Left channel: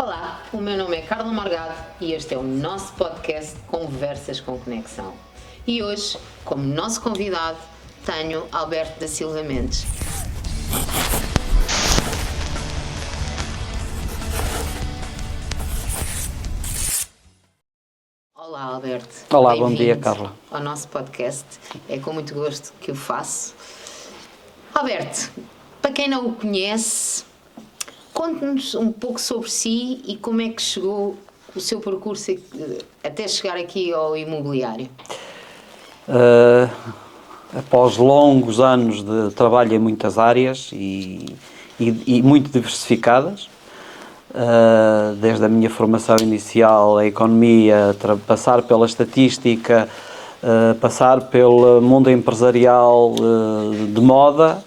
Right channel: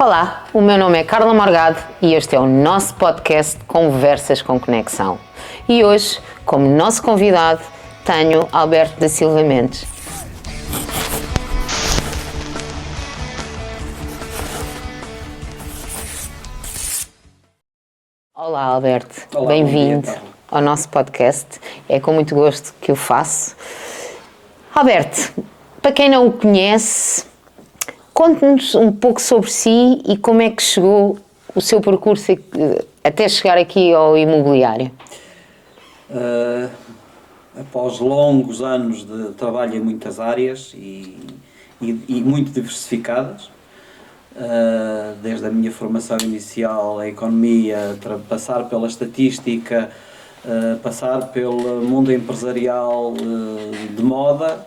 Olá, o meu nome é Carla Morgado e este é o nosso podcast Conversas com Conexão. E hoje, como nosso convidado, tenho Alberto da Silva Mendes. Olá, Alberto. Olá, bem-vindo bom dia, Carla. ao nosso podcast. É com muito gosto que o faço. Alberto, para quem não o conhece, conte-nos um pouco sobre si e como é que chegou o seu percurso até chegar aqui ao imobiliário. Após longos anos de trabalho em muitas áreas e muito diversificadas, desde a minha formação inicial, a economia, passar pela estatística, passar pelo mundo empresarial de moda,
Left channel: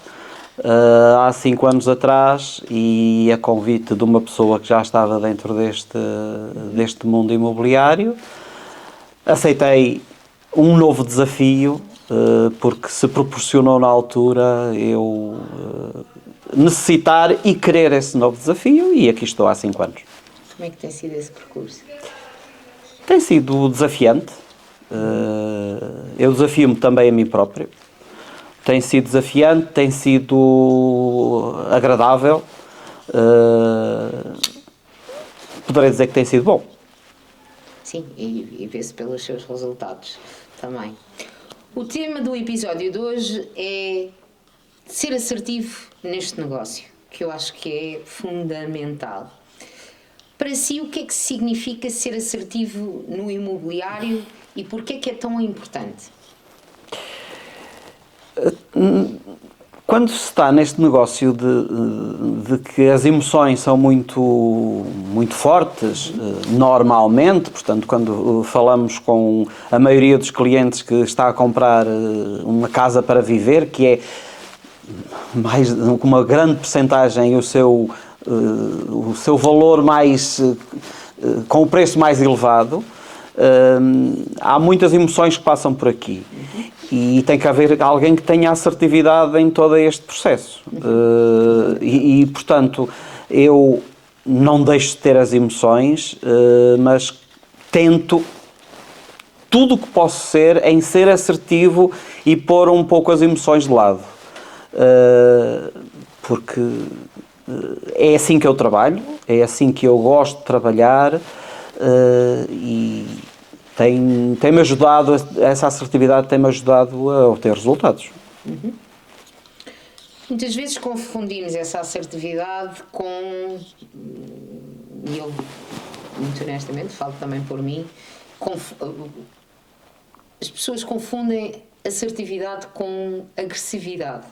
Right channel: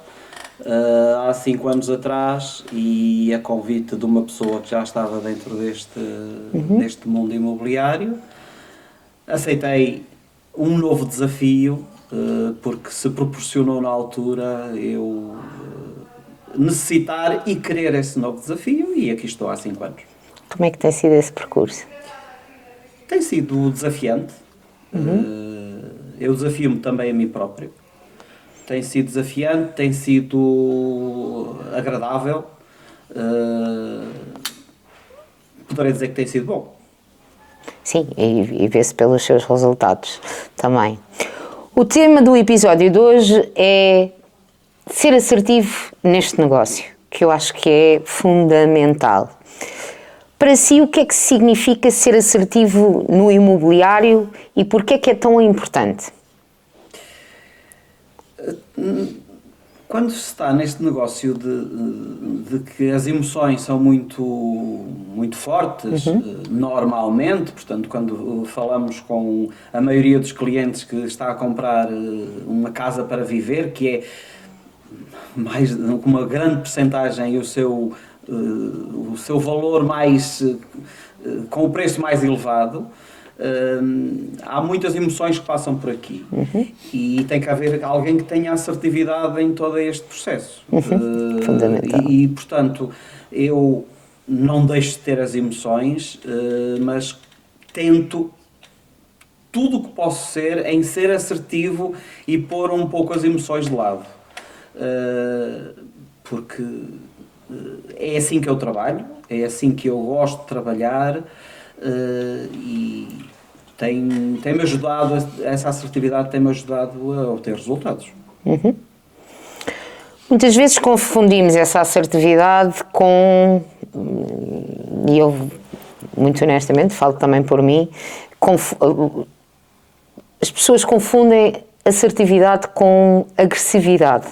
há 5 anos atrás, e a convite de uma pessoa que já estava dentro deste mundo imobiliário, aceitei um novo desafio, porque se proporcionou na altura eu necessitar e querer esse novo desafio, e aqui estou há 5 anos. Como é que tem sido esse percurso? Tem sido desafiante. Eu desafio-me também a mim próprio. Tem sido desafiante, tem sido agradável. Poderei dizer que tem sido bom. Sim, e vê-se pelos seus resultados também. O tema do episódio de hoje é ser assertivo neste negócio, que eu acho que é fundamental. Para si, o que é que significa ser assertivo no imobiliário e porquê é que é tão importante? Quando se está neste negócio de que as emoções são muito fortes, normalmente, portanto, quando falamos com a maioria dos clientes que está a comprar uma casa para viver, que é mais, com uma grande percentagem o seu valor mais, com o preço mais elevado, há muitas emoções que passam por aqui e tem que haver alguém que tenha assertividade em todo este processo. Portanto, eu não deixo de ter as emoções, mas tento tudo o que posso ser em ser assertivo e pôr um pouco as emoções de lado, porque é assim que eu trabalho, é assim que eu gosto de trabalhar. E tem-me ajudado, essa assertividade tem-me ajudado a obter resultados. Muitas vezes confundimos essa assertividade com, e eu muito honestamente falo também por mim, as pessoas confundem assertividade com agressividade.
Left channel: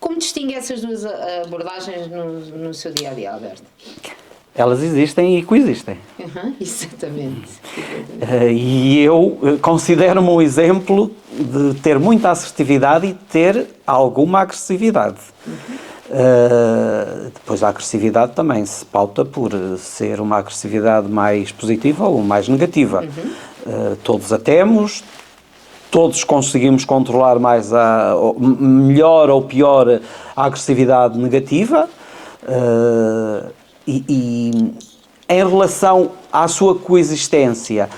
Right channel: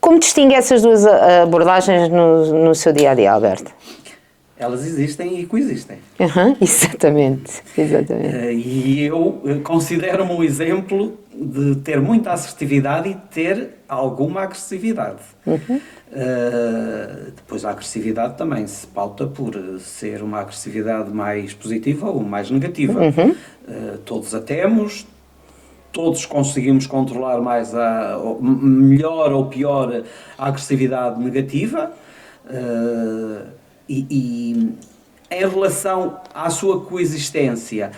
Como distingue essas duas abordagens no seu dia-a-dia, Alberto? Elas existem e coexistem. Exatamente. E eu considero-me um exemplo de ter muita assertividade e ter alguma agressividade. Depois a agressividade também se pauta por ser uma agressividade mais positiva ou mais negativa. Todos a temos, todos conseguimos controlar mais melhor ou pior a agressividade negativa. E em relação à sua coexistência,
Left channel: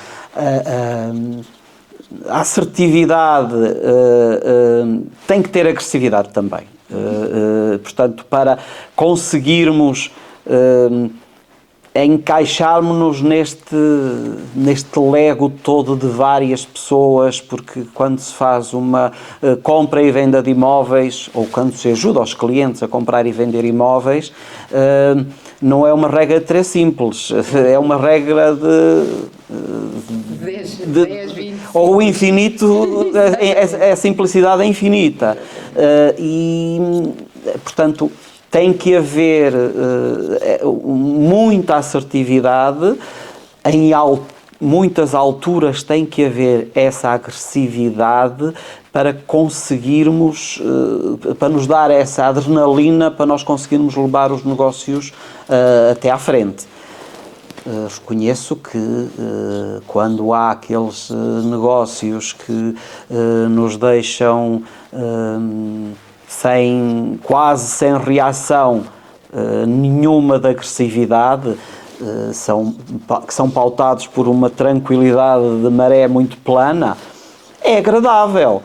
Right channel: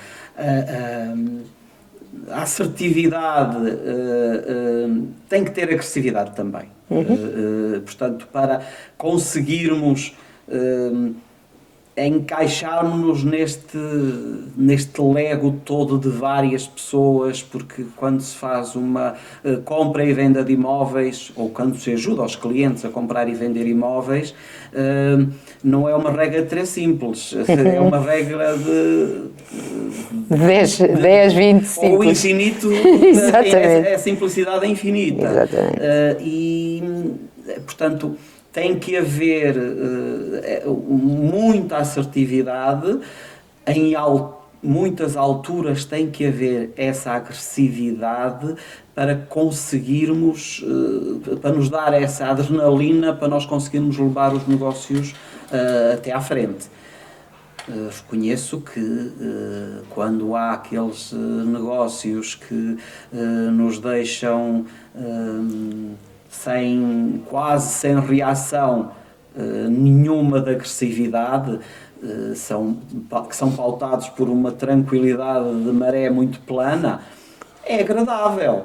a assertividade tem que ter agressividade também. Portanto, para conseguirmos encaixarmos-nos neste lego todo de várias pessoas, porque quando se faz uma compra e venda de imóveis, ou quando se ajuda os clientes a comprar e vender imóveis, não é uma regra de 3 simples, é uma regra de 10, 20 ou o infinito, a simplicidade é infinita. E, portanto, tem que haver muita assertividade, em muitas alturas tem que haver essa agressividade para conseguirmos, para nos dar essa adrenalina, para nós conseguirmos levar os negócios até à frente. Reconheço que quando há aqueles negócios que nos deixam quase sem reação nenhuma de agressividade, que são pautados por uma tranquilidade de maré muito plana, é agradável.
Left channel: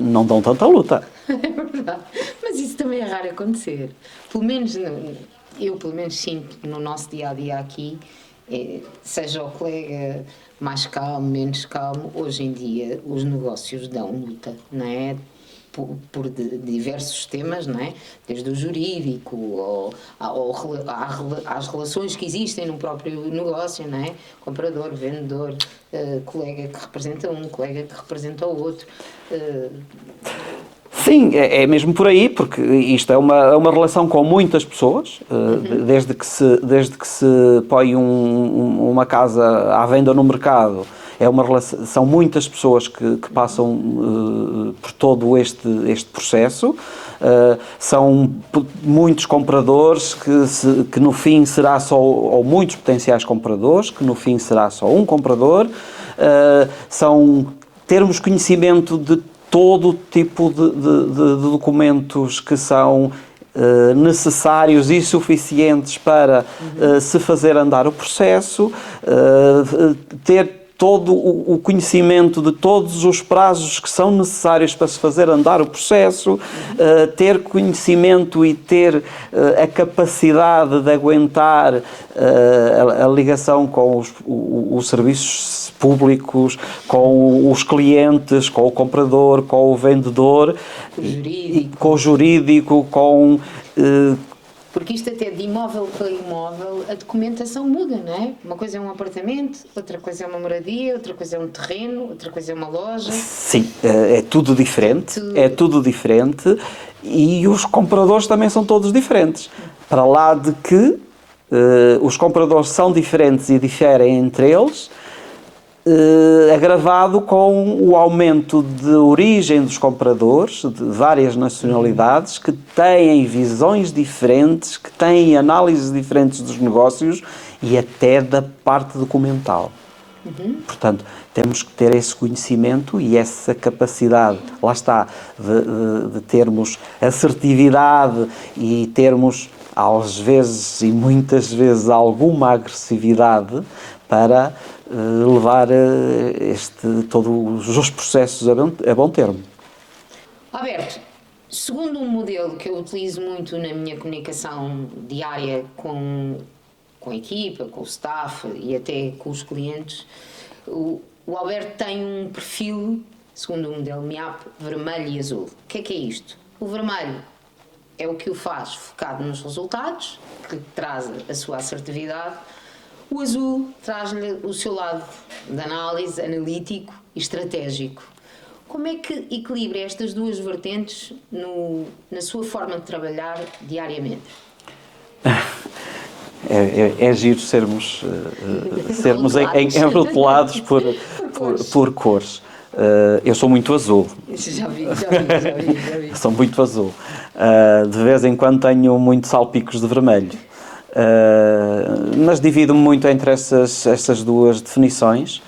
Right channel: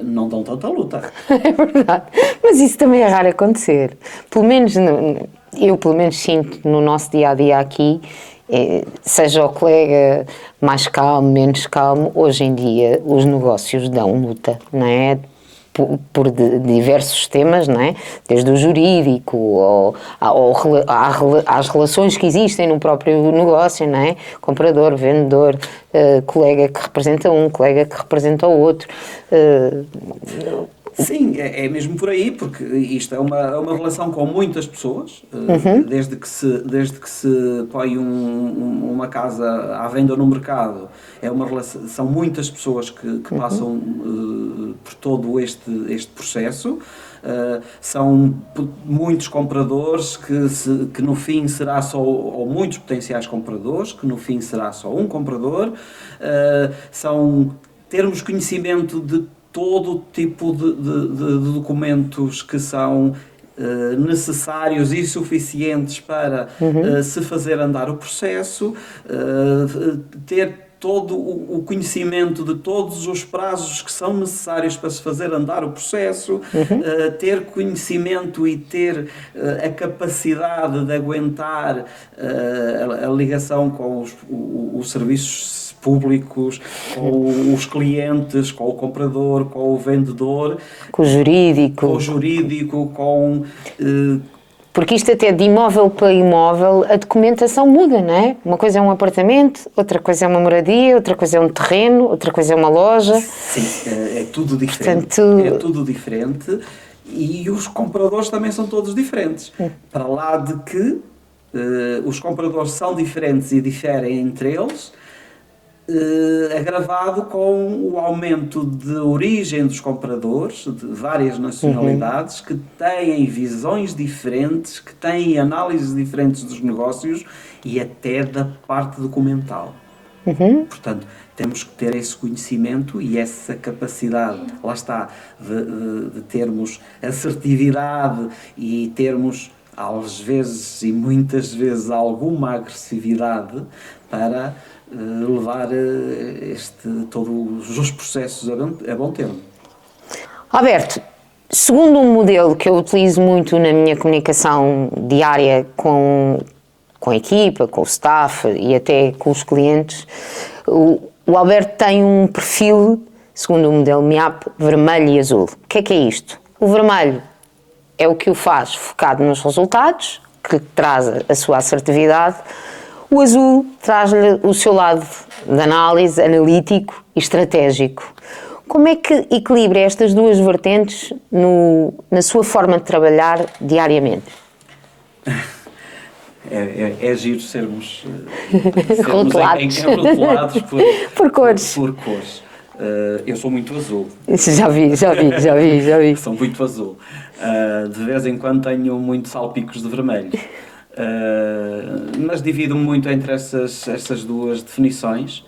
Não dão tanta luta. É verdade. Mas isso também é raro acontecer. Pelo menos, eu pelo menos sinto no nosso dia-a-dia aqui, seja o colega mais calmo, menos calmo, hoje em dia os negócios dão luta, não é? Por diversos temas, não é? Desde o jurídico às relações que existem no próprio negócio, não é? Comprador, vendedor, colega que representa um, colega que representa o outro. Sim, é mesmo por aí, porque isto é uma relação com muitas pessoas, desde que se põe uma casa à venda no mercado. São muitas pessoas que passam por todo este processo. São muitos compradores que no fim será só, ou muitos potenciais compradores, que no fim será só um comprador. Termos conhecimento de todo tipo de documentos que são necessários e suficientes para se fazer andar o processo, ter todo o conhecimento de todos os prazos que são necessários para se fazer andar o processo, ter conhecimento e ter a capacidade de aguentar a ligação com os serviços públicos, com os clientes, com o comprador, com o vendedor, com o jurídico, porque isto até de imóvel para imóvel, a documentação muda, não é? Uma coisa é um apartamento, outra coisa é uma moradia, outra coisa é um terreno, outra coisa é uma loja. Sim, é tudo diferente. É tudo diferente e os compradores também são todos diferentes. Para lá de que os compradores são diferentes e diferem entre eles, agravado com o aumento de origem dos compradores, de várias nacionalidades, que têm visões diferentes, que têm análises diferentes dos negócios e até da parte documental. Portanto, temos que ter esse conhecimento e essa capacidade, lá está, de termos assertividade e termos, às vezes e muitas vezes, alguma agressividade para levar todos os processos a bom termo. Alberto, segundo um modelo que eu utilizo muito na minha comunicação diária com a equipa, com o staff e até com os clientes, o Alberto tem um perfil, segundo o modelo MIAP, vermelho e azul. O que é isto? O vermelho é o que o faz focado nos resultados, que traz a sua assertividade. O azul traz-lhe o seu lado de análise, analítico e estratégico. Como é que equilibra estas duas vertentes na sua forma de trabalhar diariamente? É giro sermos rotulados por cores. Por cores. Eu sou muito azul. Já vi. Sou muito azul. De vez em quando tenho muitos salpicos de vermelho. Mas divido-me muito entre essas duas definições.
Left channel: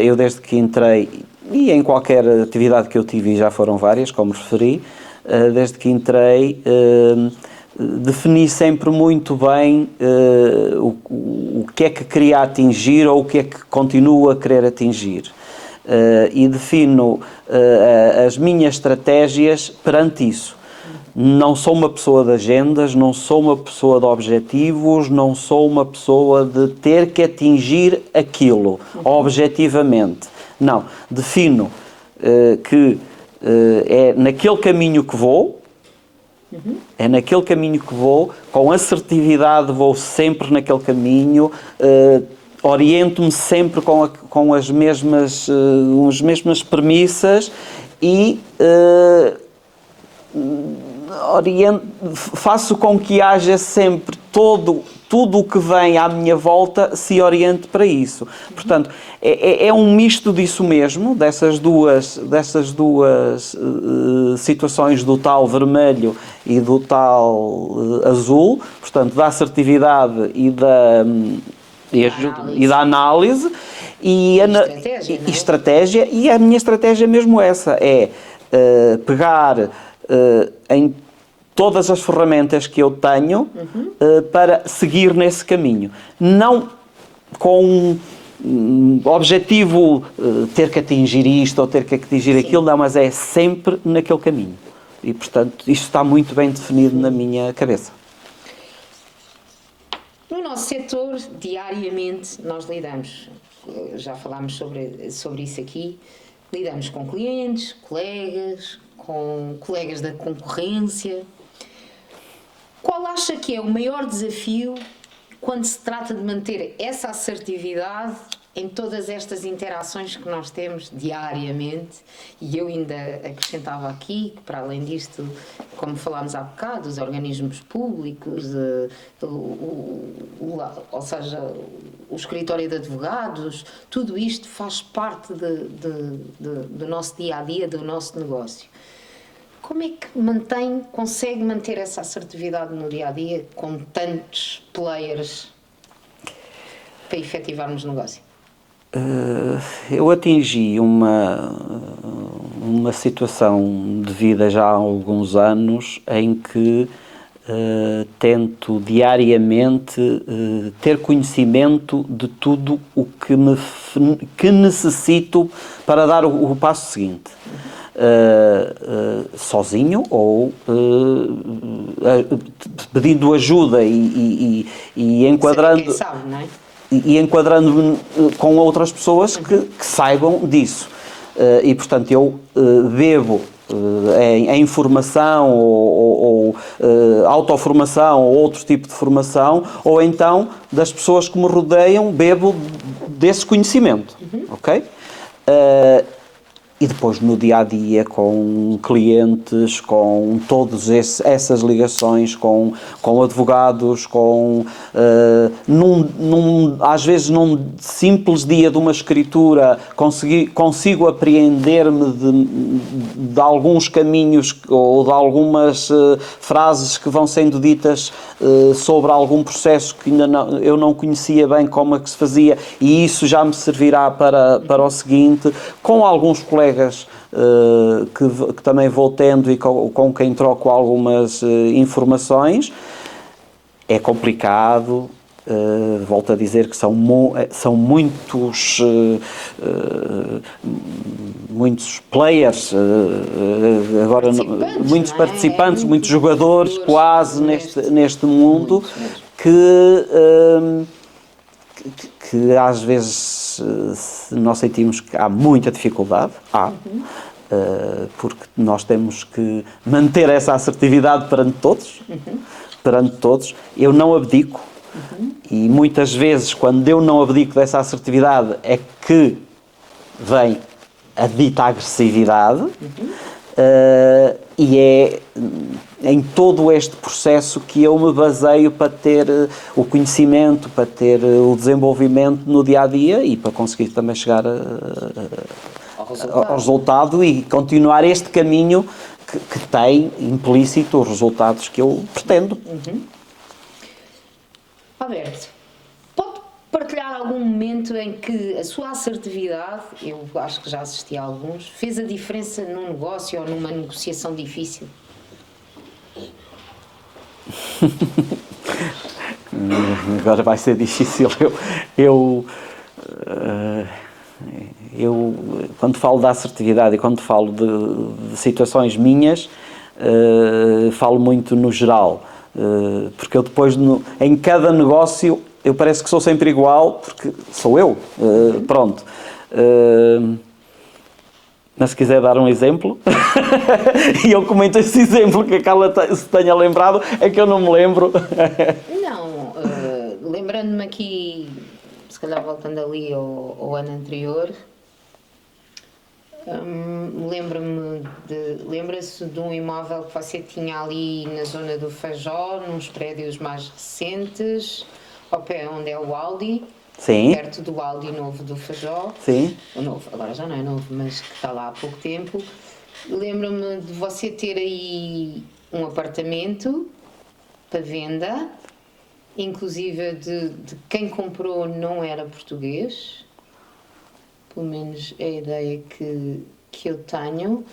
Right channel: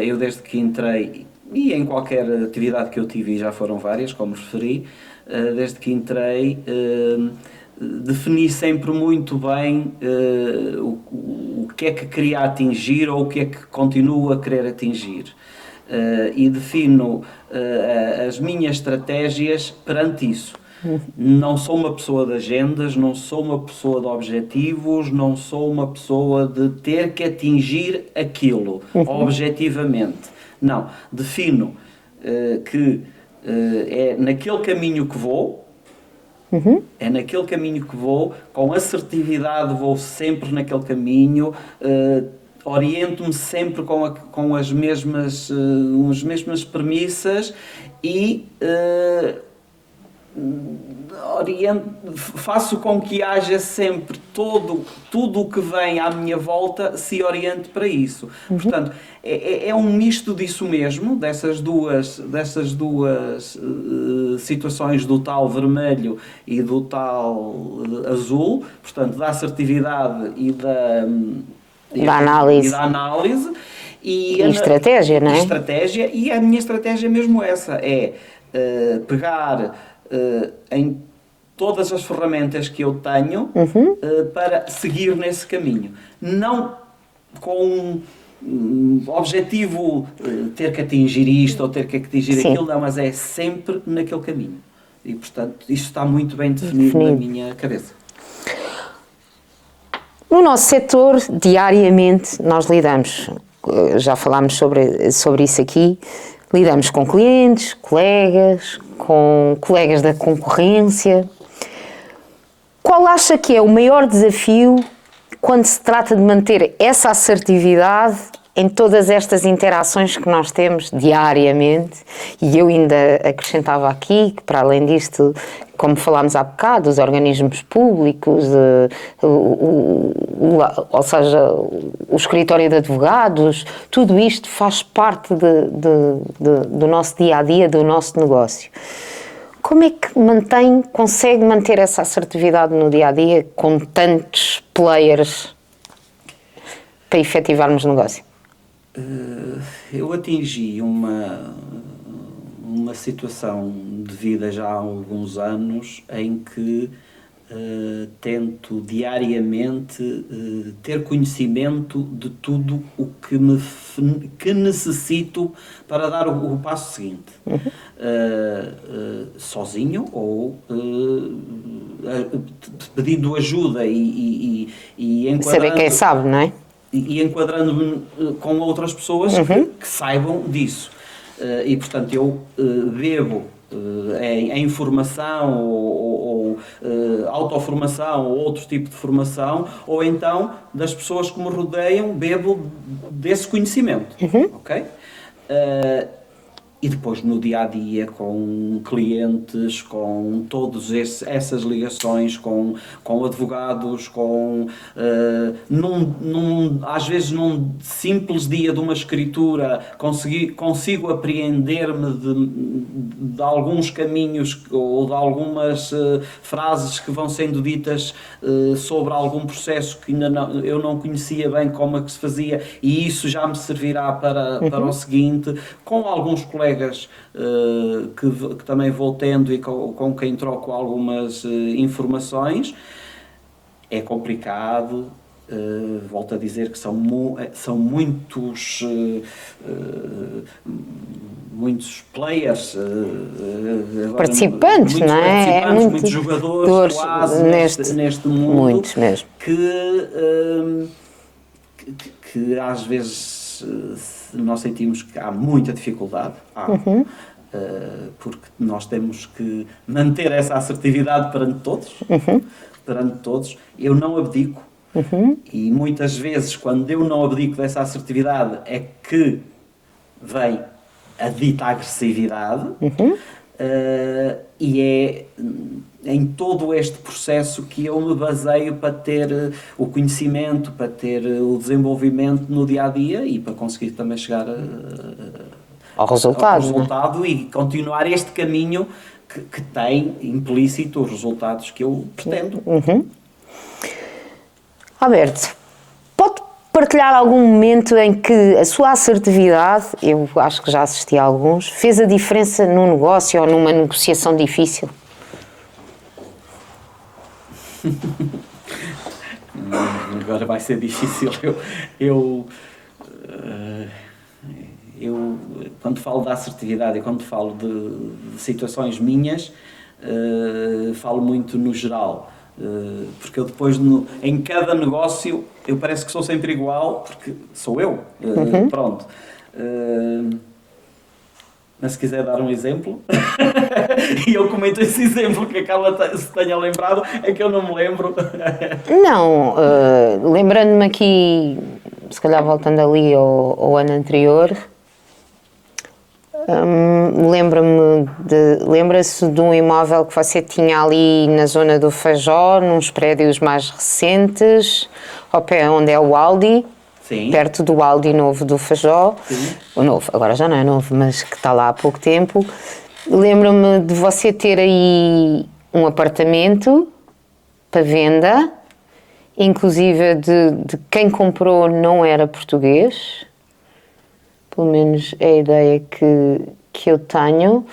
Eu desde que entrei, e em qualquer atividade que eu tive, e já foram várias, como referi, desde que entrei, defini sempre muito bem o que é que queria atingir ou o que é que continuo a querer atingir. E defino as minhas estratégias perante isso. Não sou uma pessoa de agendas, não sou uma pessoa de objetivos, não sou uma pessoa de ter que atingir aquilo, objetivamente. Não, defino que é naquele caminho que vou, é naquele caminho que vou, com assertividade vou sempre naquele caminho, oriento-me sempre com as mesmas premissas e faço com que haja sempre tudo o que vem à minha volta se oriente para isso. Portanto, é um misto disso mesmo, dessas duas situações, do tal vermelho e do tal azul, portanto, da assertividade e da análise. E estratégia, não é? Estratégia, e a minha estratégia é mesmo essa, é pegar em todas as ferramentas que eu tenho para seguir nesse caminho. Não com objetivo ter que atingir isto ou ter que atingir Sim. aquilo, não, mas é sempre naquele caminho. E, portanto, isto está muito bem definido na minha cabeça. No nosso setor, diariamente, nós lidamos, já falámos sobre isso aqui, lidamos com clientes, com colegas da concorrência. Qual acha que é o maior desafio quando se trata de manter essa assertividade em todas estas interações que nós temos diariamente? E eu ainda acrescentava aqui que, para além disto, como falámos há bocado, os organismos públicos, ou seja, o escritório de advogados, tudo isto faz parte do nosso dia-a-dia, do nosso negócio. Como é que consegue manter essa assertividade no dia-a-dia com tantos players para efetivarmos o negócio? Eu atingi uma situação de vida já há alguns anos em que tento diariamente ter conhecimento de tudo o que necessito para dar o passo seguinte. Sozinho ou pedindo ajuda e enquadrando... Saber quem sabe, não é? E enquadrando-me com outras pessoas que saibam disso. E, portanto, eu bebo em formação ou autoformação ou outro tipo de formação, ou então das pessoas que me rodeiam, bebo desse conhecimento. Ok? E depois no dia-a-dia com clientes, com todas essas ligações, com advogados, às vezes num simples dia de uma escritura consigo apreender-me de alguns caminhos ou de algumas frases que vão sendo ditas sobre algum processo que ainda eu não conhecia bem como é que se fazia, e isso já me servirá para o seguinte, com alguns colegas que também vou tendo e com quem troco algumas informações. É complicado, volto a dizer que são muitos players, agora participantes, muitos não é? participantes, muitos jogadores quase neste mundo, que às vezes nós sentimos que há muita dificuldade, porque nós temos que manter essa assertividade perante todos. Eu não abdico, e muitas vezes quando eu não abdico dessa assertividade é que vem a dita agressividade, e é em todo este processo que eu me baseio para ter o conhecimento, para ter o desenvolvimento no dia-a-dia e para conseguir também chegar ao resultado e continuar este caminho que tem implícito os resultados que eu pretendo. Alberto, pode partilhar algum momento em que a sua assertividade, eu acho que já assisti a alguns, fez a diferença num negócio ou numa negociação difícil? Agora vai ser difícil. Eu quando falo da assertividade e quando falo de situações minhas, falo muito no geral, porque eu depois em cada negócio eu parece que sou sempre igual, porque sou eu. Pronto. Mas se quiser dar um exemplo, e eu comento esse exemplo que a Carla se tenha lembrado, é que eu não me lembro. Não, lembrando-me aqui, se calhar voltando ali ao ano anterior, lembra-se de um imóvel que você tinha ali na zona do Fajó, nos prédios mais recentes, ao pé onde é o Aldi. Sim. Perto do Aldi novo do Fajó. Sim. O novo, agora já não é novo, mas que está lá há pouco tempo. Lembro-me de você ter aí um apartamento para venda, inclusive de quem comprou não era português. Pelo menos é a ideia que eu tenho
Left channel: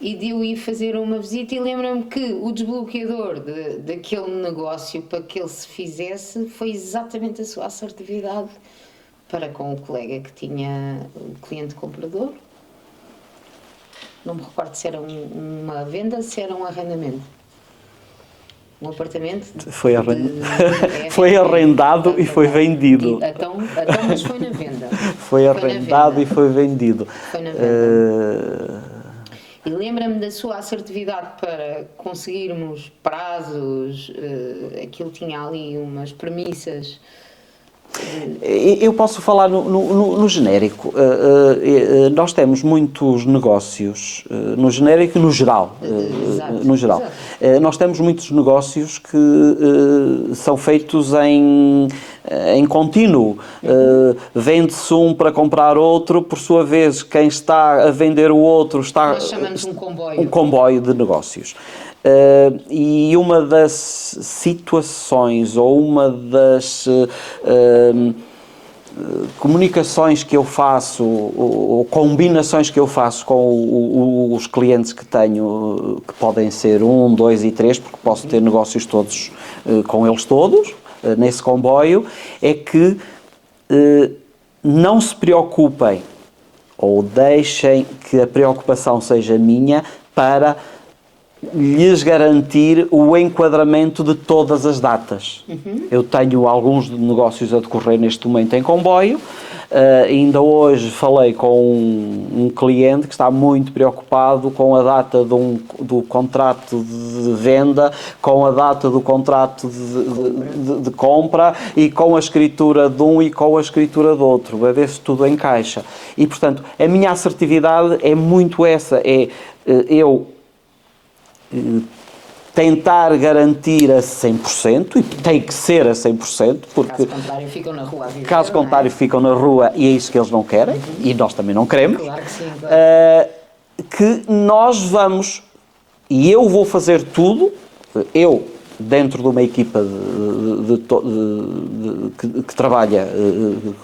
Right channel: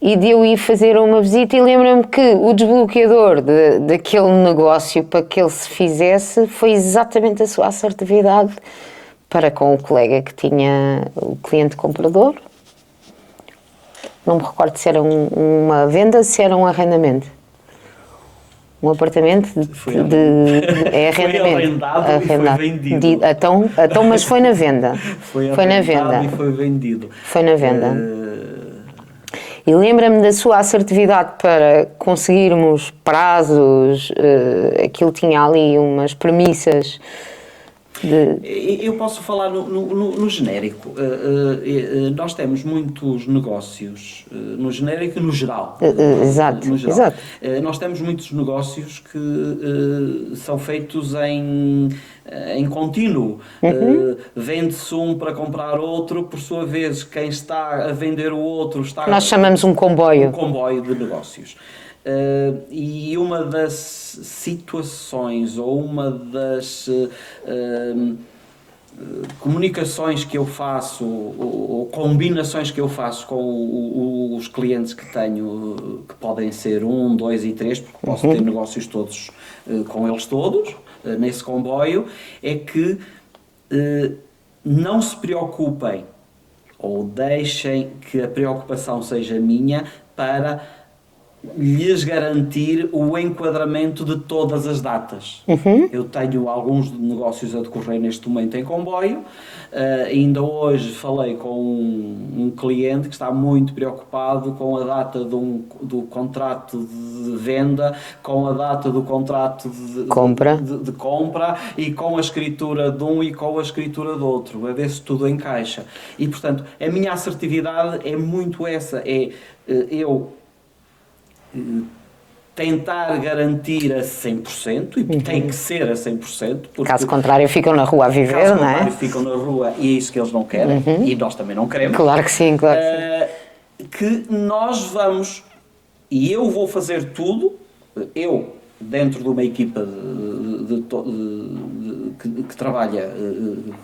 e de eu ir fazer uma visita e lembro-me que o desbloqueador daquele negócio para que ele se fizesse foi exatamente a sua assertividade para com o colega que tinha o cliente comprador. Não me recordo se era uma venda, se era um arrendamento. Um apartamento foi arrendado e foi vendido. Então, mas foi na venda. Foi arrendado e foi vendido. Foi na venda. E lembra-me da sua assertividade para conseguirmos prazos, aquilo tinha ali umas premissas. Eu posso falar no genérico. Nós temos muitos negócios, no genérico e no geral. Exato. No geral. Exato. Nós temos muitos negócios que são feitos em contínuo. Vende-se um para comprar outro, por sua vez, quem está a vender o outro está... Nós chamamos um comboio. Um comboio de negócios. E uma das situações ou uma das comunicações que eu faço ou combinações que eu faço com os clientes que tenho, que podem ser 1, 2 e 3, porque posso ter negócios todos com eles todos, nesse comboio, é que não se preocupem ou deixem que a preocupação seja minha para lhes garantir o enquadramento de todas as datas. Eu tenho alguns negócios a decorrer neste momento em comboio. Ainda hoje falei com um cliente que está muito preocupado com a data do contrato de venda, com a data do contrato de compra e com a escritura de um e com a escritura do outro, a ver se tudo encaixa. E, portanto, a minha assertividade é muito essa, eu tentar garantir a 100%, e tem que ser a 100%. Porque caso contrário ficam na rua a viver, caso não contrário é? ficam na rua e é isso que eles não querem, e nós também não queremos. Claro que sim, claro que nós vamos, e eu vou fazer tudo, eu, dentro de uma equipa que trabalha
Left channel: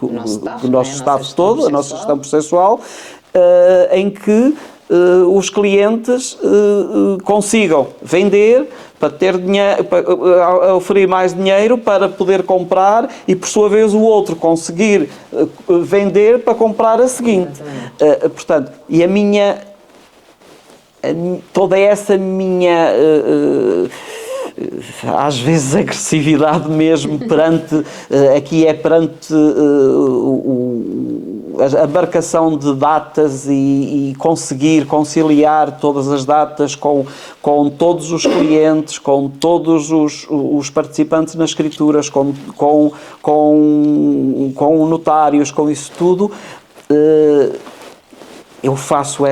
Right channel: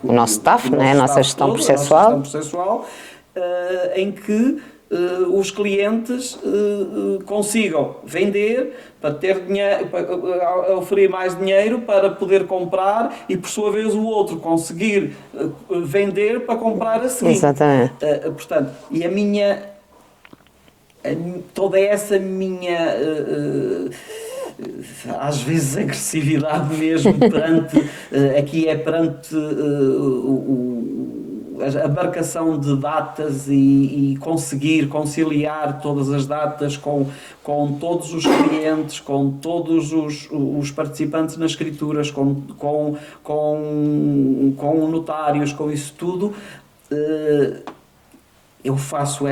o nosso staff, a nossa gestão processual, em que os clientes consigam vender para ter dinheiro, para oferir mais dinheiro para poder comprar e por sua vez o outro conseguir vender para comprar a seguinte. Exatamente. Portanto, e toda essa minha às vezes agressividade mesmo perante a marcação de datas e conseguir conciliar todas as datas com todos os clientes, com todos os participantes nas escrituras, com notários, com isso tudo. Eu faço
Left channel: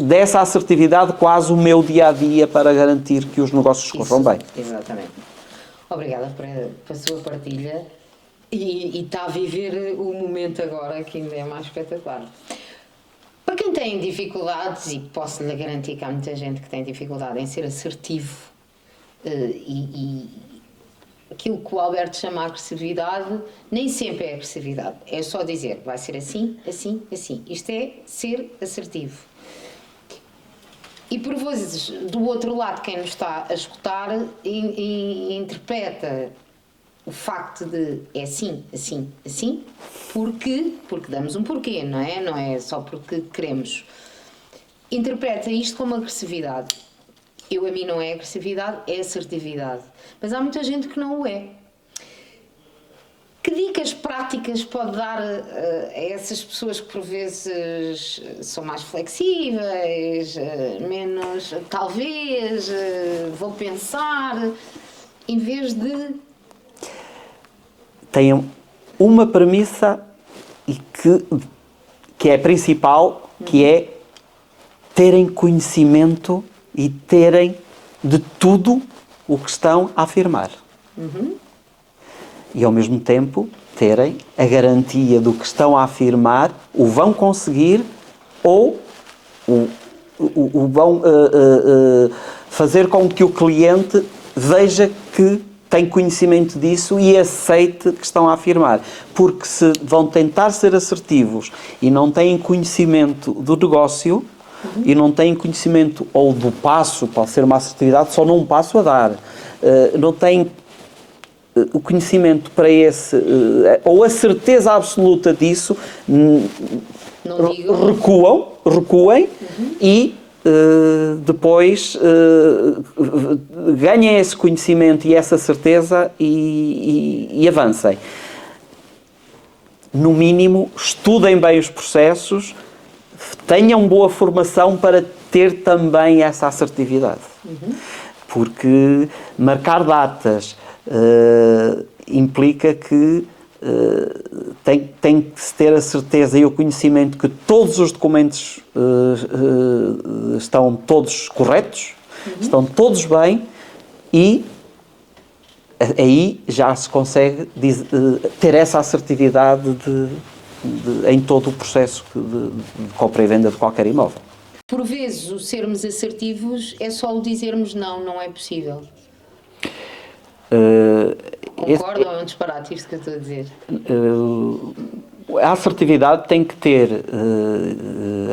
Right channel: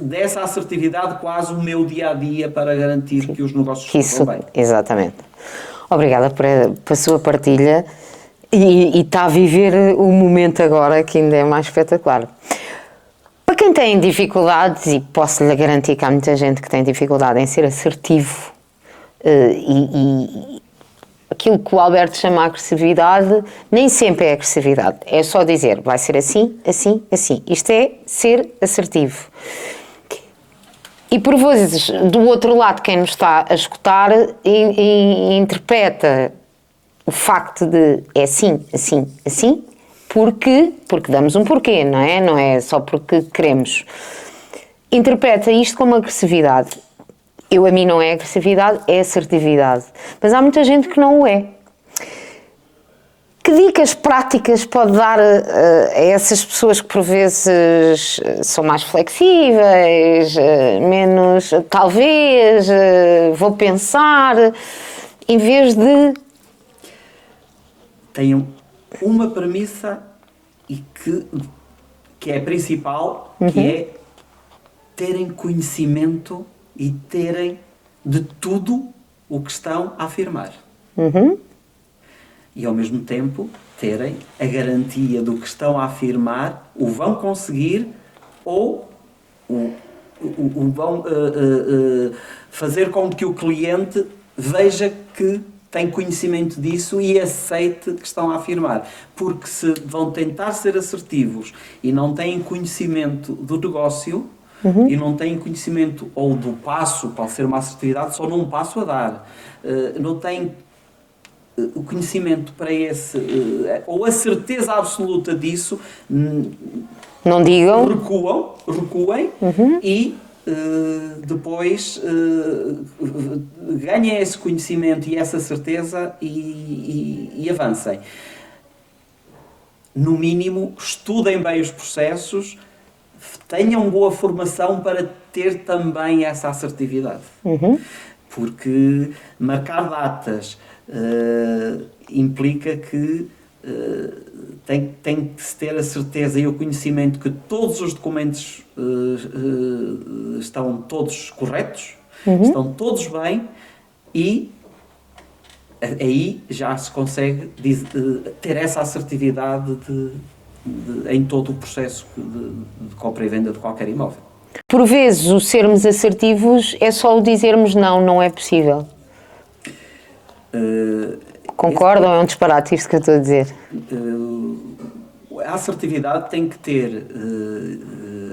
dessa assertividade quase o meu dia-a-dia para garantir que os negócios corram bem. Exatamente. Obrigada por a sua partilha e está a viver o momento agora que ainda é mais espetacular. Para quem tem dificuldades, e posso-lhe garantir que há muita gente que tem dificuldade em ser assertivo e aquilo que o Alberto chama de agressividade, nem sempre é agressividade. É só dizer, vai ser assim, assim, assim. Isto é ser assertivo. E por vezes, do outro lado, quem nos está a escutar e interpreta o facto de é assim, assim, assim, porque damos um porquê, não é? Não é só porque queremos. Interpreta isto como agressividade. A mim não é agressividade, é assertividade. Mas há muita gente que não o é. Que dicas práticas pode dar a essas pessoas que por vezes são mais flexíveis, menos talvez, vou pensar, em vez de... Tenham uma premissa que é a principal, que é terem conhecimento e terem de tudo o que estão a afirmar. E ao mesmo tempo terem a garantia do que estão a afirmar, o vão conseguir ou vão fazer com que o cliente veja que tem conhecimento disso e aceite que estão a afirmar. Porque se vão tentar ser assertivos e não têm conhecimento do negócio, e não têm conhecimento ou do passo, pode ser uma assertividade só num passo a dar, não têm o conhecimento para esse, ou a certeza absoluta disso, Não digam. recuem e depois ganhem esse conhecimento e essa certeza e avancem. No mínimo, estudem bem os processos, tenham boa formação para ter também essa assertividade. Porque marcar datas implica que tem que se ter a certeza e o conhecimento que todos os documentos estão todos corretos, estão todos bem, e aí já se consegue ter essa assertividade em todo o processo de compra e venda de qualquer imóvel. Por vezes, o sermos assertivos é só o dizermos não, não é possível. Concordam? É um disparate isto que eu estou a dizer. A assertividade tem que ter...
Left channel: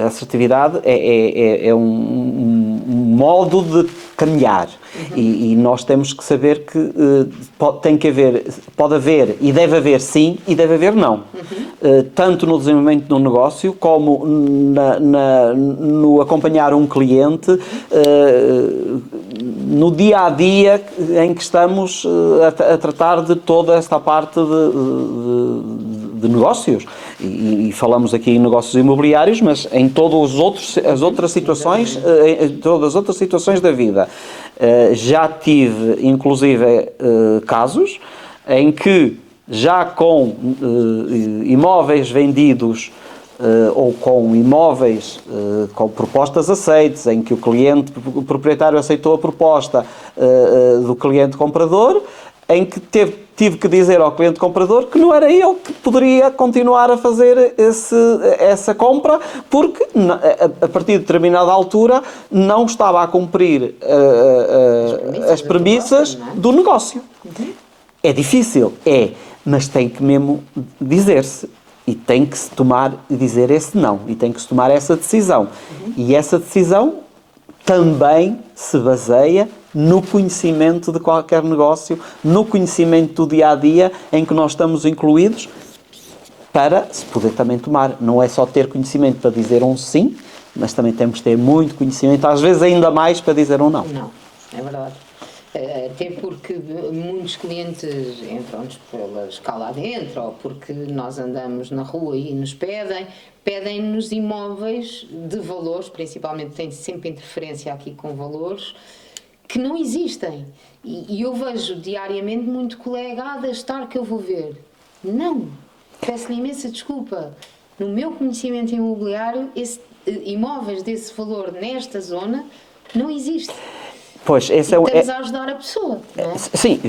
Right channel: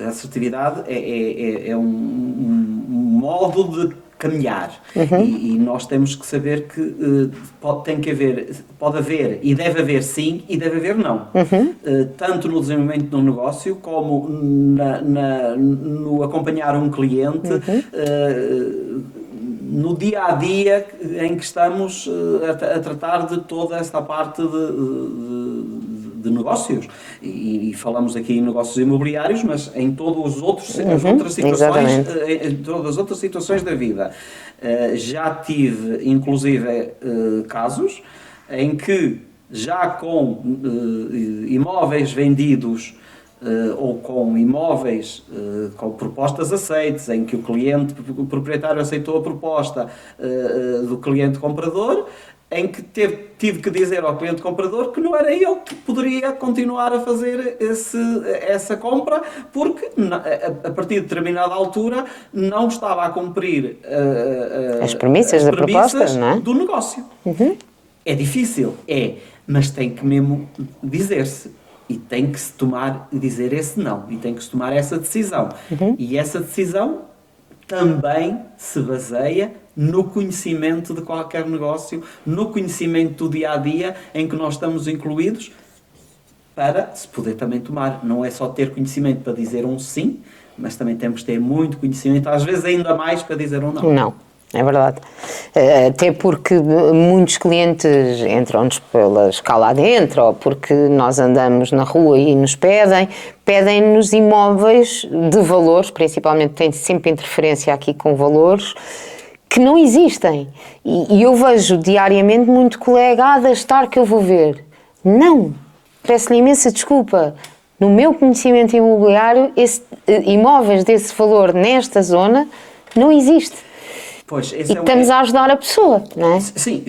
a assertividade é um modo de caminhar. E nós temos que saber que pode haver e deve haver sim e deve haver não. Tanto no desenvolvimento do negócio como no acompanhar um cliente, no dia a dia em que estamos a tratar de toda esta parte de negócios. E falamos aqui em negócios imobiliários, mas em todos os outros, as outras situações, em todas as outras situações da vida. Já tive, inclusive, casos em que já com imóveis vendidos ou com imóveis com propostas aceites, em que o proprietário aceitou a proposta do cliente comprador, em que tive que dizer ao cliente comprador que não era ele que poderia continuar a fazer essa compra, porque a partir de determinada altura não estava a cumprir as premissas do negócio. É difícil, mas tem que mesmo dizer-se. E tem que se dizer esse não, e tem que se tomar essa decisão. E essa decisão também se baseia no conhecimento de qualquer negócio, no conhecimento do dia-a-dia em que nós estamos incluídos, para se poder também tomar. Não é só ter conhecimento para dizer um sim, mas também temos que ter muito conhecimento, às vezes ainda mais, para dizer um não. Não, é verdade. Até porque muitos clientes entram-nos pela escala adentro, ou porque nós andamos na rua e nos pedem-nos imóveis de valores, principalmente tem sempre interferência aqui com valores, que não existem. E eu vejo diariamente muito colega, deixa estar que eu vou ver. Não, peço-lhe imensa desculpa. No meu conhecimento imobiliário, imóveis desse valor nesta zona não existe. Pois, estamos a ajudar a pessoa, não é? Sim,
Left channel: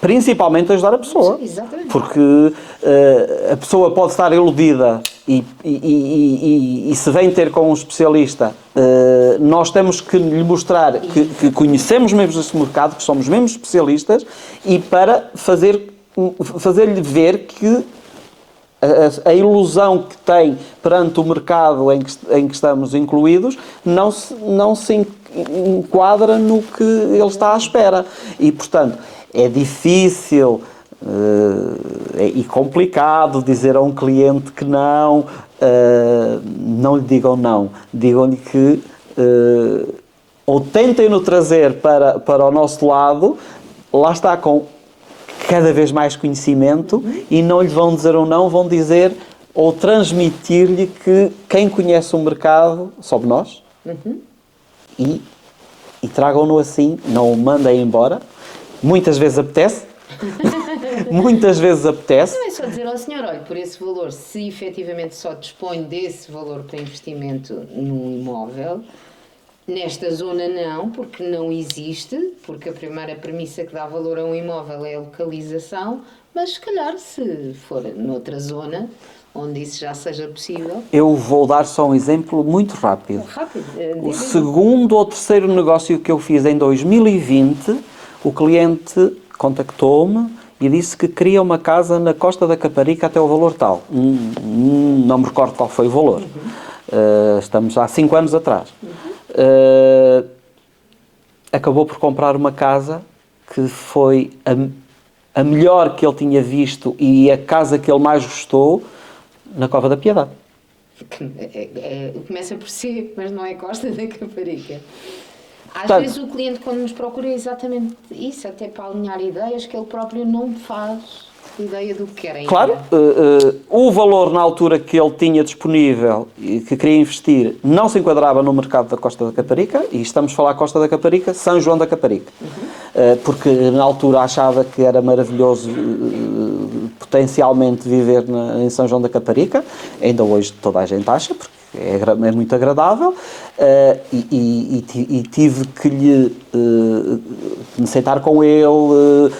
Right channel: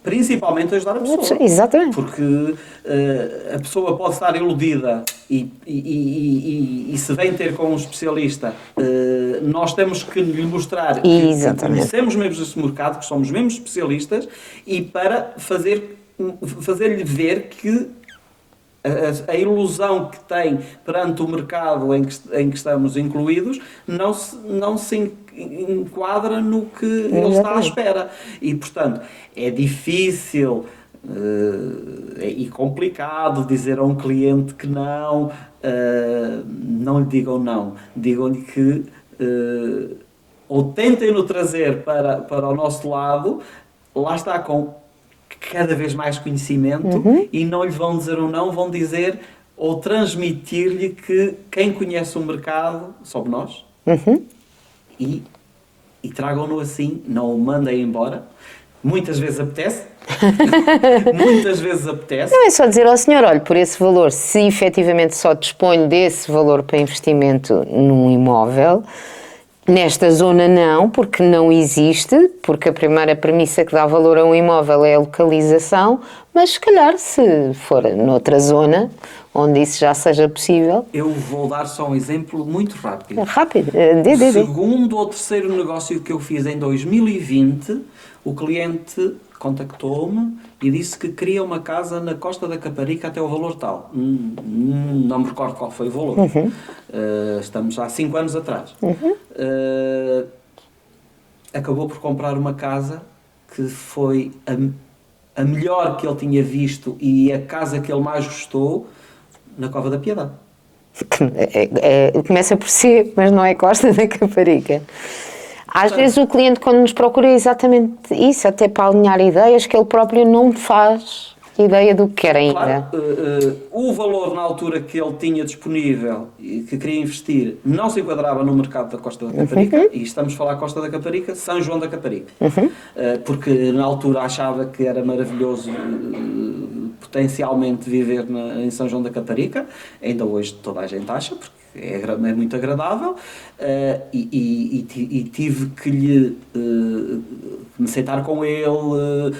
principalmente a ajudar a pessoa. Exatamente. Porque a pessoa pode estar iludida e se vem ter com um especialista, nós temos que lhe mostrar que conhecemos mesmo esse mercado, que somos mesmo especialistas, e para fazer-lhe ver que a ilusão que tem perante o mercado em que estamos incluídos não se enquadra no que ele está à espera. E, portanto, é difícil e complicado dizer a um cliente que não lhe digam não. Digam-lhe que ou tentem-no trazer para o nosso lado, lá está, com cada vez mais conhecimento, e não lhe vão dizer ou não, vão dizer ou transmitir-lhe que quem conhece o mercado somos nós, e tragam-no assim, não o mandem embora. Muitas vezes apetece. Muitas vezes apetece. Não é só dizer ao senhor, olha, por esse valor, se efetivamente só dispõe desse valor para investimento num imóvel, nesta zona não, porque não existe, porque a primeira premissa que dá valor a um imóvel é a localização, mas se calhar se for noutra zona, onde isso já seja possível... Eu vou dar só um exemplo muito rápido. Rápido? O segundo ou terceiro negócio que eu fiz em 2020, o cliente contactou-me e disse que queria uma casa na Costa da Caparica até o valor tal. Não me recordo qual foi o valor. Estamos há 5 anos atrás. Acabou por comprar uma casa que foi a melhor que ele tinha visto e a casa que ele mais gostou na Cova da Piedade. Começa por C, mas não é Costa da Caparica. Às vezes o cliente, quando nos procura, é exatamente isso, até para alinhar ideias que ele próprio não faz ideia do que quer ainda. Claro, o valor na altura que ele tinha disponível e que queria investir não se enquadrava no mercado da Costa da Caparica, e estamos a falar Costa da Caparica, São João da Caparica. Porque na altura achava que era maravilhoso potencialmente viver em São João da Caparica, ainda hoje toda a gente acha, porque é muito agradável, e tive que me sentar com ele,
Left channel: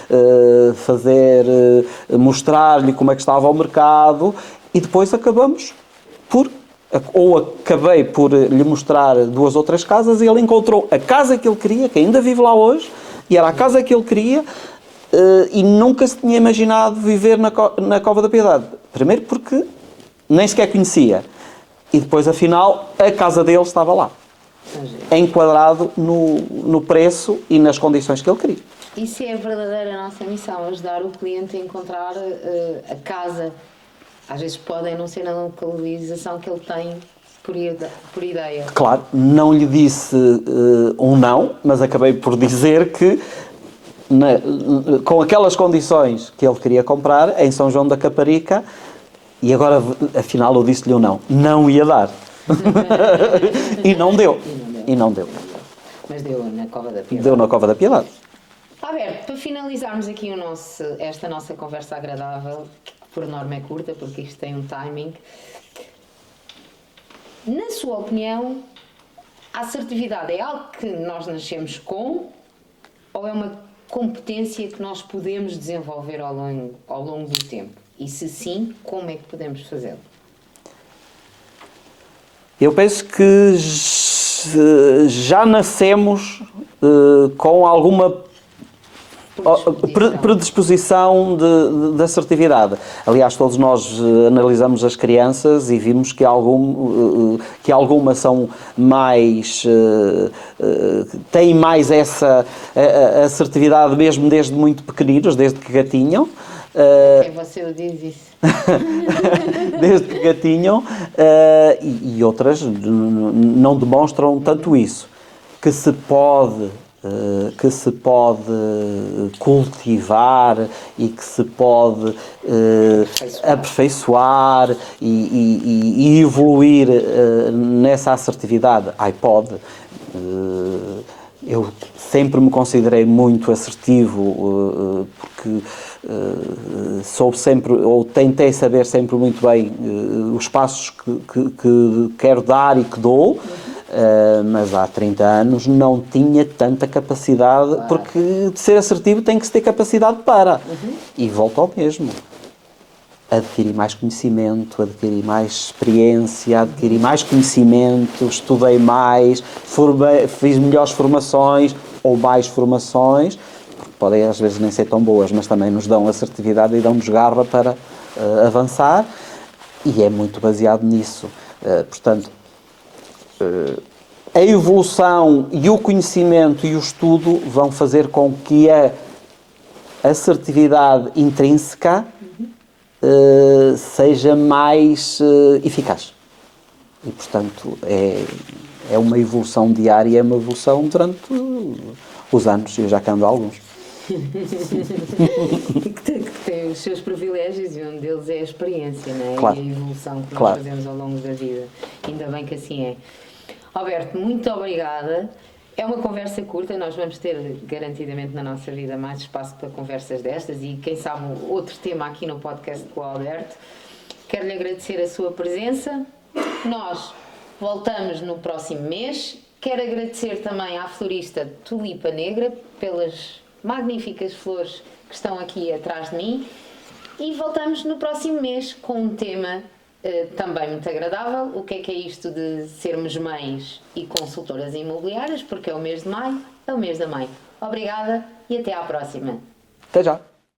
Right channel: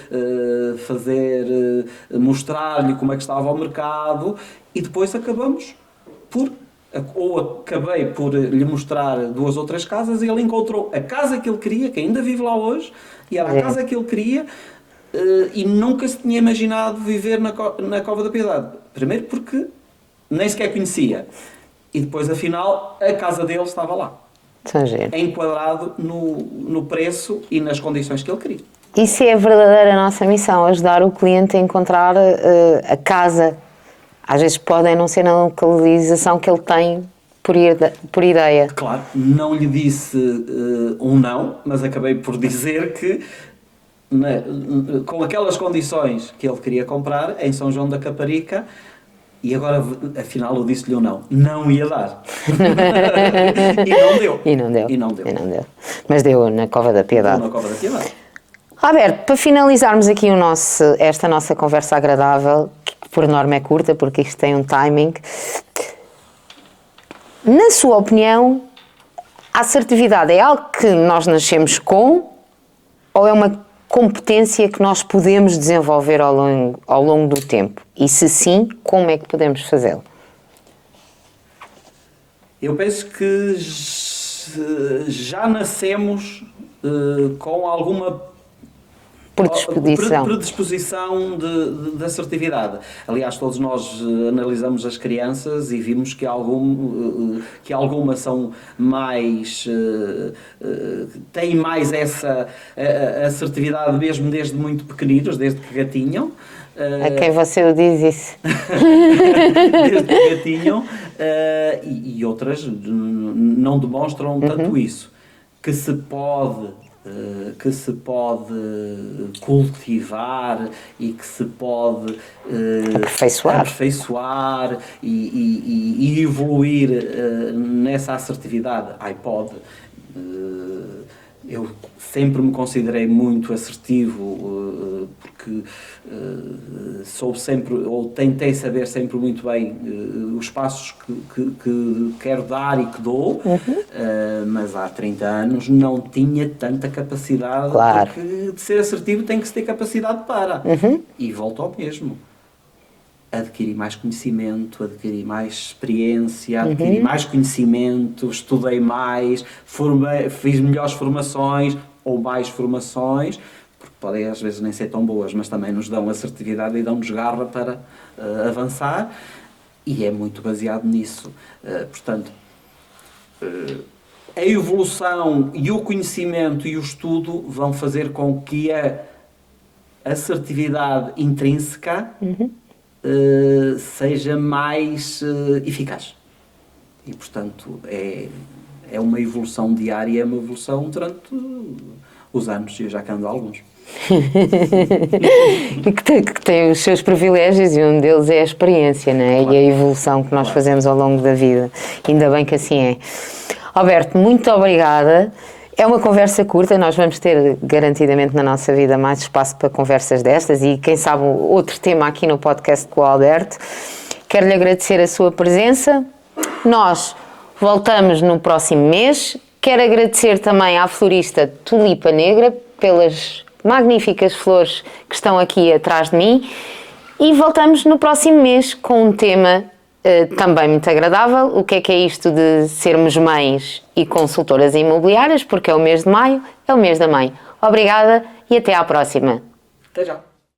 mostrar-lhe como é que estava o mercado, e depois acabei por lhe mostrar 2 ou 3 casas, e ele encontrou a casa que ele queria, que ainda vive lá hoje, e era a casa que ele queria, e nunca se tinha imaginado viver na Cova da Piedade. Primeiro porque nem sequer conhecia. E depois, afinal, a casa dele estava lá. Enquadrado no preço e nas condições que ele queria. Isso é a verdadeira nossa missão, ajudar o cliente a encontrar a casa. Às vezes podem não ser na localização que ele tem por ideia. Claro, não lhe disse um não, mas acabei por dizer que com aquelas condições que ele queria comprar, em São João da Caparica, e agora, afinal, eu disse-lhe ou não ia dar. E não deu. E não deu. Mas deu na Cova da Piedade. Deu na Cova da Piedade. Alberto, para finalizarmos aqui esta nossa conversa agradável, que por norma é curta, porque isto tem um timing, na sua opinião, a assertividade é algo que nós nascemos com, ou é uma competência que nós podemos desenvolver ao longo do tempo? E se sim, como é que podemos fazê-lo? Eu penso que já nascemos com alguma predisposição de assertividade. Aliás, todos nós analisamos as crianças e vimos que algumas são mais têm mais essa assertividade mesmo desde muito pequeninos, desde que gatinham. A quem você o diz isso? Desde que gatinham, e outras não demonstram tanto isso. Que se pode cultivar e que se pode aperfeiçoar e evoluir nessa assertividade. Pode. Eu sempre me considerei muito assertivo, porque soube sempre, ou tentei saber sempre muito bem os passos que quero dar e que dou, mas há 30 anos não tinha tanta capacidade, claro. Porque de ser assertivo tem que se ter capacidade para. E volto ao mesmo. Adquiri mais conhecimento, adquiri mais experiência, adquiri mais conhecimento, estudei mais, fiz melhores formações ou mais formações, porque podem às vezes nem ser tão boas, mas também nos dão assertividade e dão-nos garra para avançar, e é muito baseado nisso. Portanto, a evolução e o conhecimento e o estudo vão fazer com que a assertividade intrínseca seja mais eficaz. E, portanto, é uma evolução diária, é uma evolução durante os anos, eu já ando há alguns. E que tem os seus privilégios, e um deles é a experiência, não é? Claro. E a evolução que nós fazemos ao longo da vida. Ainda bem que assim é. Alberto, muito obrigada. É uma conversa curta, nós vamos ter garantidamente na nossa vida mais espaço para conversas destas e quem sabe outro tema aqui no podcast com o Alberto. Quero-lhe agradecer a sua presença. Nós voltamos no próximo mês. Quero agradecer também à florista Tulipa Negra pelas magníficas flores que estão aqui atrás de mim e voltamos no próximo mês com um tema também muito agradável. O que é isto de sermos mães e consultoras imobiliárias, porque é o mês de maio, é o mês da mãe. Obrigada e até à próxima. Até já!